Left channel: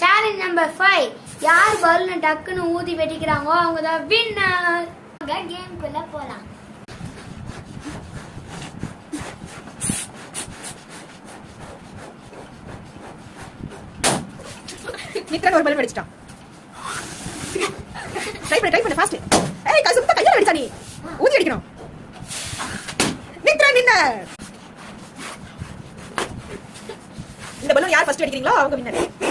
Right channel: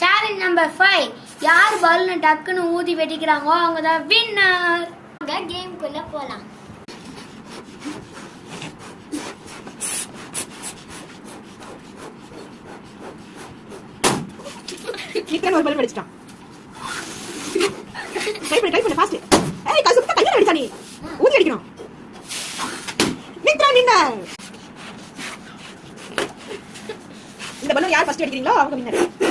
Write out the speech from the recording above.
Challenge number 5. யார் balloon டக்குன்னு ஊதி வெடிக்கிறாங்களோ அவங்க தான் வின்னர். கேம்குள்ள போலாம். நிக்கன் ஒரு பலூன் வெடிச்சிட்டான். ட்ரை பண்ணு ஃபாஸ்ட். ஏய் காசு சுத்த கையில வெடிச்சா நீ. ஊதி வெடிக்கணும். வின்னர். இந்த பலூன் யார் ஃபர்ஸ்ட் வெடிக்கிறீங்களோ அவங்க வின்னர்.